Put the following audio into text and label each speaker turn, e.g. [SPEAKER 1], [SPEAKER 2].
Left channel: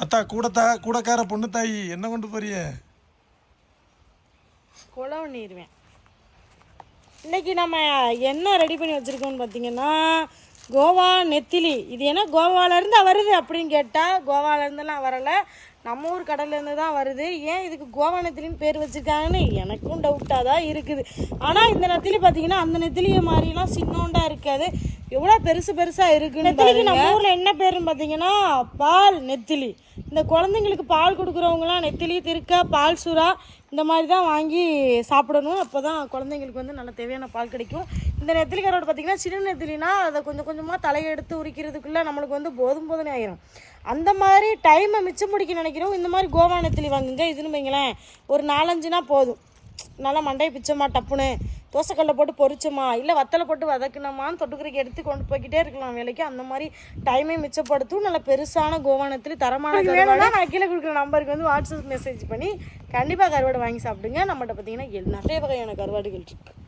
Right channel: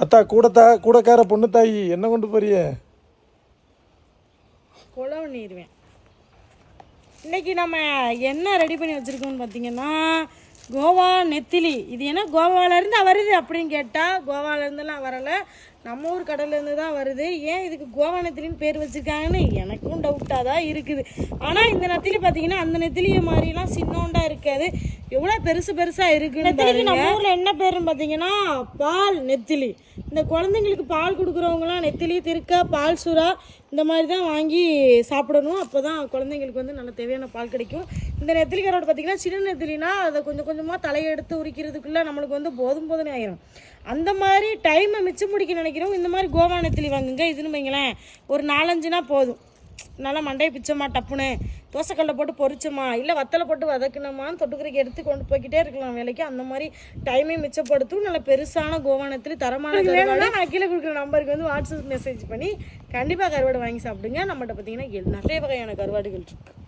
[SPEAKER 1] அத்தா கூடத்தா கூடக்கார பொண்ணு தாயி என்ன கொண்டு போறிய?
[SPEAKER 2] குழவு நீருவேன் இன்னைக்கு நம்ம என்ன ரெடி பண்ணி வச்சுருக்கோம்னு பார்த்தீங்கன்னா கோவா நெத்திலி. இது ஏன்னா கோவாலேருந்து வருது அப்படின்னு கேட்டால் கோவாலேருந்துலாம் வரலை. நம்ம ஊர் கடல்லேருந்து தான் வருது. ஏன் இதுக்கு கோவா நெத்திலின்னு பேர் வச்சுருக்காங்கன்னு எனக்கும் டவுட்டாக தான் இருக்குது. ஆனால் இந்த நெத்திலி பார்த்தீங்கன்னா அந்த நெத்திலியை மாதிரிலாம் சின்னோண்டா இருக்காது. எவ்வளோ பெருசு பெருசாக இருக்குன்னு நம்ம ஊரில் என்ன பேருன்னு பார்த்தீங்கன்னா பால் நெத்திலி. இந்த குழந்தைங்களுக்கு பால் கொடுக்குறவங்களாம் நெத்திலி திருக்கா பால் சுறா இந்த மாதிரி தான் வாங்கி சாப்பிடணும். அப்போ தான் குழந்தைங்களுக்கு வந்து நல்ல தேவையான பால் கிடைக்கும். இந்த நெத்திலி கரோடு பார்த்திங்கன்னா சின்ன நெத்திலினா அதை கொஞ்சம் கொஞ்சமாக தலையெடுத்து உரிக்கிறதுக்குள்ளே நம்மளுக்கு வந்து போதும் போதும்னு ஆயிரும். அந்த மாதிரி டைமை மிச்சம் முடிக்க நினைக்கிறோம் இந்த மாதிரி கோவா நெத்திலி வாங்குங்க. இதுன்னு வைங்களேன் ஒரு நாலஞ்சுனா போதும். நல்லா மண்டையை பிச்சோமா டப்புன்னு. தோசைக்கல்ல போட்டு பொரிச்சோமா இல்லை வத்தலை போட்டு வதக்குனோமான்னு தொட்டுக்கிறக்கு எடுத்து கொண்டு போய்க்கிட்டே இருக்கலாம் வேலைக்கு. அந்த மாதிரி டைமை மிச்சப்படுத்தும். நல்ல பெருசான கோவானத்தில் தரமான கருவாடு நான் கீழே கொடுக்குற நம்பருக்கு வந்து வாட்ஸ்அப் மெசேஜ் பண்ணி கண்டிப்பாக கருவாடு வாங்கி சாப்பிடுங்க. நம்மகிட்ட பார்த்தீங்கன்னா நிறைய வகையான கருவாடுகள் இருக்குது